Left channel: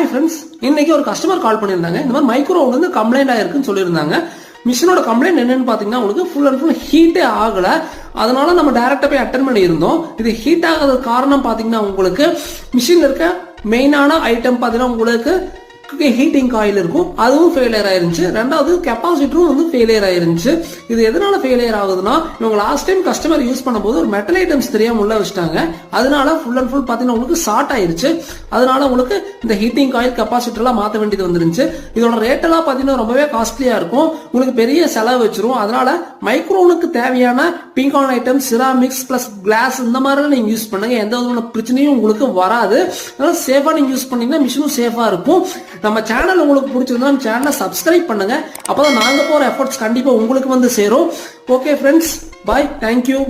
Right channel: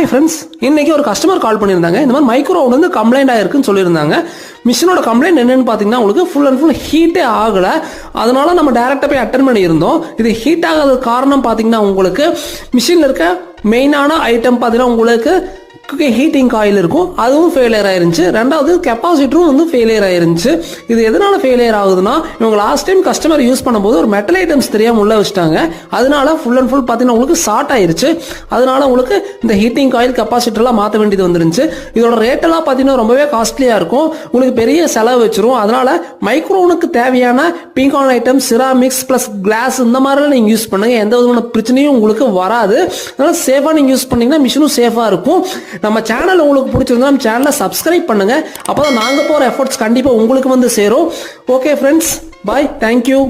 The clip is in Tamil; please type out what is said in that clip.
ஹாய் ஃப்ரெண்ட்ஸ், இன்னைக்கு ஒரு கஸ்டமர் கால் பண்ணியிருந்தாங்க. இந்த மாதிரி மைக்ரோவோன் வந்து கம்ப்ளைண்ட் ஆயிருக்குன்னு சொல்லியிருந்தாங்க. மிஷினோட கம்ப்ளைண்ட் என்னன்னு பார்த்தீங்கன்னா, உங்களுக்கு ஃபுல் அண்ட் ஃபுல் ஹீட்டே ஆகலை. அதனால நம்ம டேரெக்டாக போய் அட்டன் பண்ணியிருந்தோம். இது ஹீட் ஆகாத காரணம் பார்த்தீங்கன்னா, உங்களுக்கு மிஷினில் இருக்க மெயினான ஐட்டம் பார்த்தீங்கன்னா உங்களுக்கு ஹீட்டிங் காயில் இருக்கும், அதுவும் ஃபெயிலியர் ஆயிருந்துச்சு. ரெண்டாவது கெப்பாசிட்டரும் வந்து ஃபெயிலியர் ஆயிருந்துச்சு. இது எதனால ஃபெயிலியர் ஆகுதுன்னா, இவங்க லாஸ்ட் டைம் கஸ்டமர் யூஸ் பண்ணும்போது ஒரு மெட்டல் ஐட்டம்ஸ் தெரியாம உள்ள வச்சிட்டாங்க. அதனால ஃபுல் அண்ட் ஃபுல் பார்த்தீங்கன்னா உங்களுக்கு ஷார்ட் ஆயிருச்சு. அதனால உங்களுக்கு இந்த ஹீட்டிங் காயில் கெப்பாசிட்டர்லாம் மாற்ற வேண்டியது வந்துருந்துச்சு. இதோட ரேட்டெல்லாம் பார்த்தீங்கன்னா ரொம்பவே காஸ்ட்லியா இருக்கும், உங்களுக்கு பெரிய செலவு வச்சிரும். அதனால மைக்ரோனுக்கு தேவையான பீகான் ஐட்டம், சிராமிக்ஸ் பிளஸ் கிளாஸ் இந்த மாதிரிலாம் நீங்க யூஸ் பண்ணுங்க. எந்த விதமான பிரச்சனையும் உங்களுக்கு வராது. அதனால சேஃபா நீங்க யூஸ் பண்ணீங்கன்னா மிஷினும் சேஃபா இருக்கும். நம்ம சேனல் உங்களுக்கு பிடிச்சிருந்தா நம்ம சேனலை சப்ஸ்கிரைப் பண்ணுங்க. அப்பதான் நாங்க போற எஃபர்ட்ஸ் கண்டிப்பா உங்களுக்கு வந்து சேரும். ஓகே ஃப்ரெண்ட்ஸ், பாய், தேங்க்யூ.